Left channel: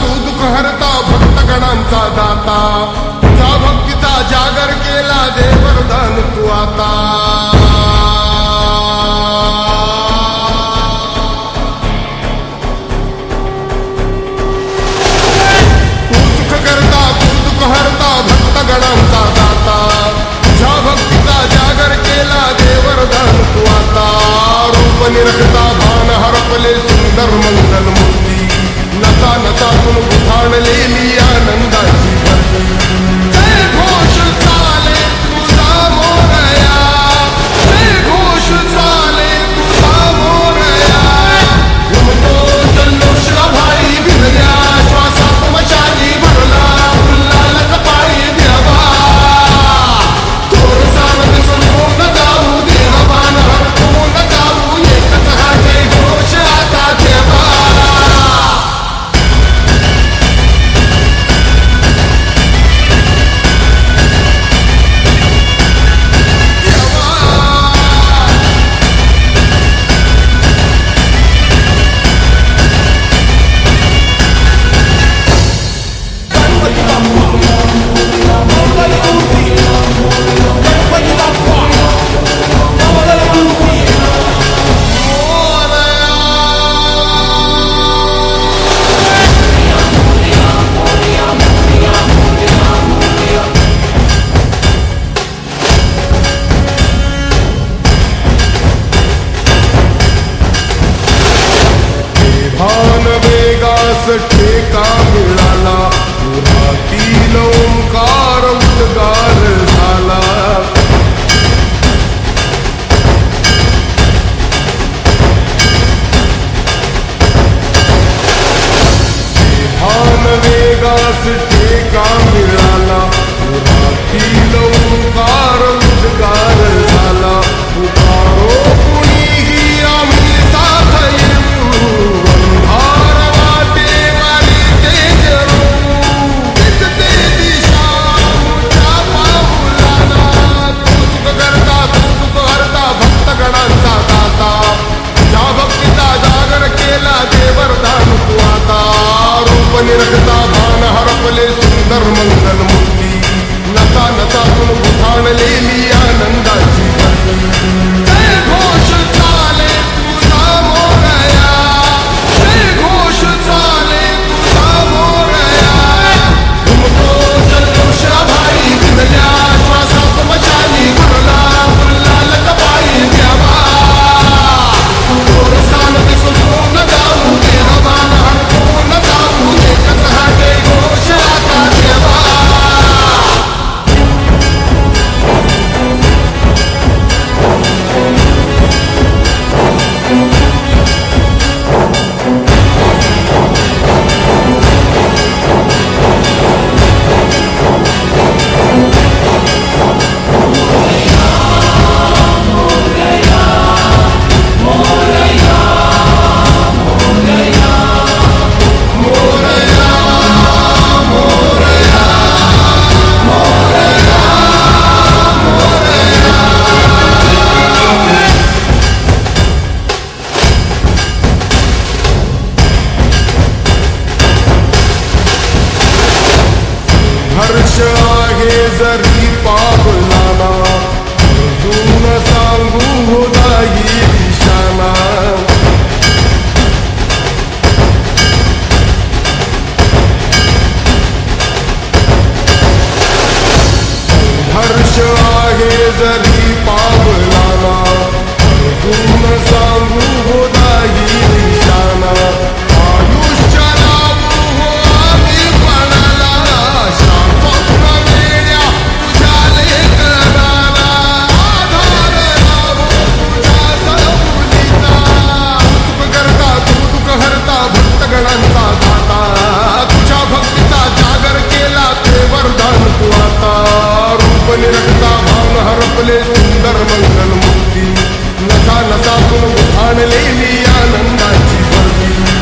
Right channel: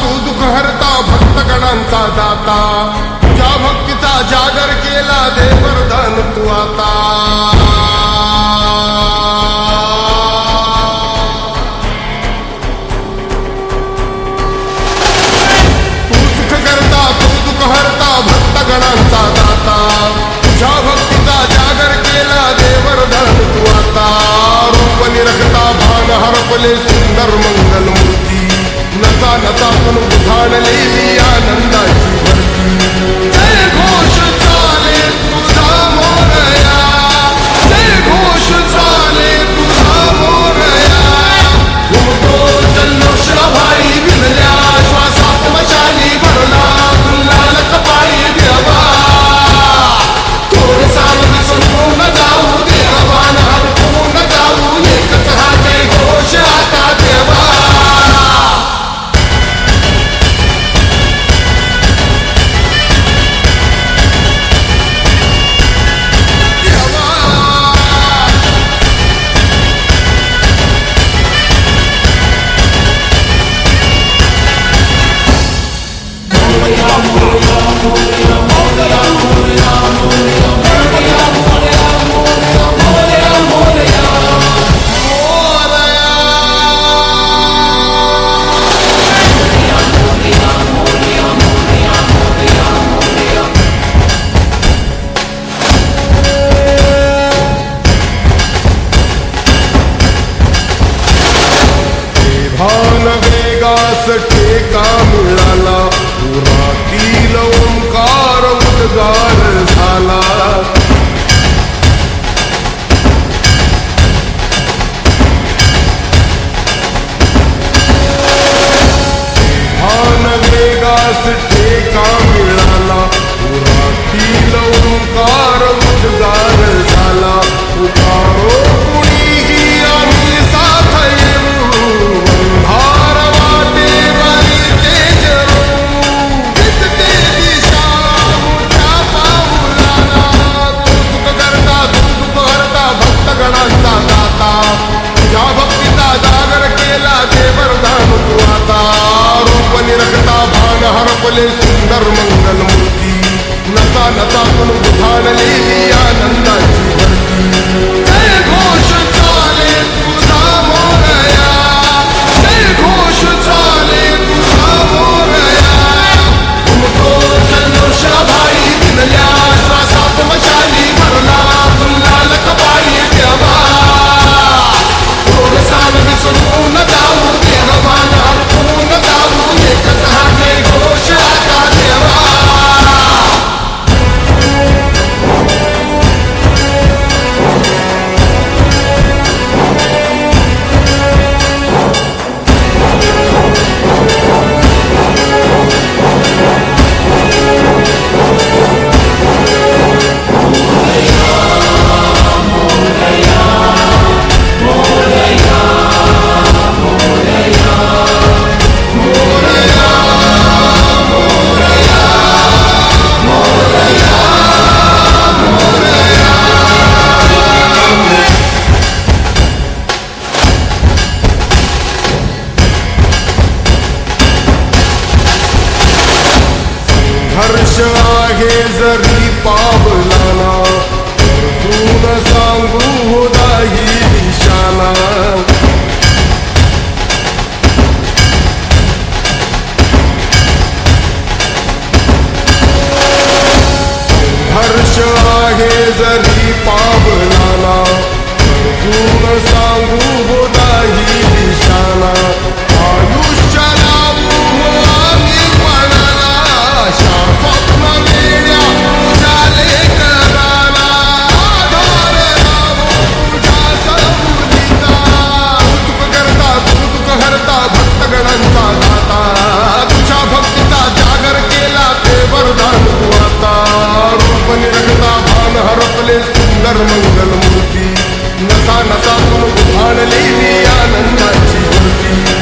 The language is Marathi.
तू दुःख हरता भक्तगणांचा दाता तुझ्या भक्तीचा जागर केला दे वरदान तू आता तू सुख करता तू दुःख हरता भक्तगणांचा दाता तुझ्या भक्तीचा जागर केला दे वरदान तू आता रूप निरखता भान हरपले सुंदर मंगल मूर्ती नसा नसातून उठाणलेली आनंदाची भरती जय घोष चाले तुझा मोरया जय घोष चाले तुझा मोरया घुमतो जल्लोष भाई भिनल्या श्वासात मशाली भरला गुल्हाल कपाळी देवा थोर सावध संपूर्ण जाऊ देवान हरपून जाऊ एकच हा जय घोष आता देवा भान वेगास ठेका मिळाला पुरातील ओंकार उद्गार झाला भान वेगास ठेका मिळाला पुरातील ओंकार उद्गार झाला पुकारो कुणीही आम्ही साथ येऊ अंधार वाटेवारी तेज दिसते दिशा मुच्या पाऊलाना तू सुख करता तू दुःख हरता भक्तगणांचा दाता तुझ्या भक्तीचा जागर केला दे वरदान तू आता रूप निरखता भान हरपले सुंदर मंगल मूर्ती नसा नसातून उठाणलेली आनंदाची भरती जय घोष चाले तुझा मोरया जय घोष चाले तुझा मोरया घुमतो जल्लोष भाई भिनल्या श्वासात मशाली भरला गुल्हाल कपाळी देवा थोरसान विसरून जाऊ देवान हरपून जाऊ एकच हा जय घोष आता देवा हर्ष आहे जरी पावलाना अर्जुन सांगू हो दाही दिशाना हर्ष आहे जरी पावलाना अर्जुन सांगू हो दाही दिशाना आयुष्य लावू हो आम्ही पणाला स्वप्न वेड्या तुझ्या लेकराला आधार लाभो तुझ्या सबुलीचा सुख करता तू दुःख हरता भक्तगणांचा दाता तुझ्या भक्तीचा जागर केला ते वरदान तू आता रूप निरखता भान हरपले सुंदर मंगल मूर्ती नसा नसातून उभाणलेली आनंदाची भरती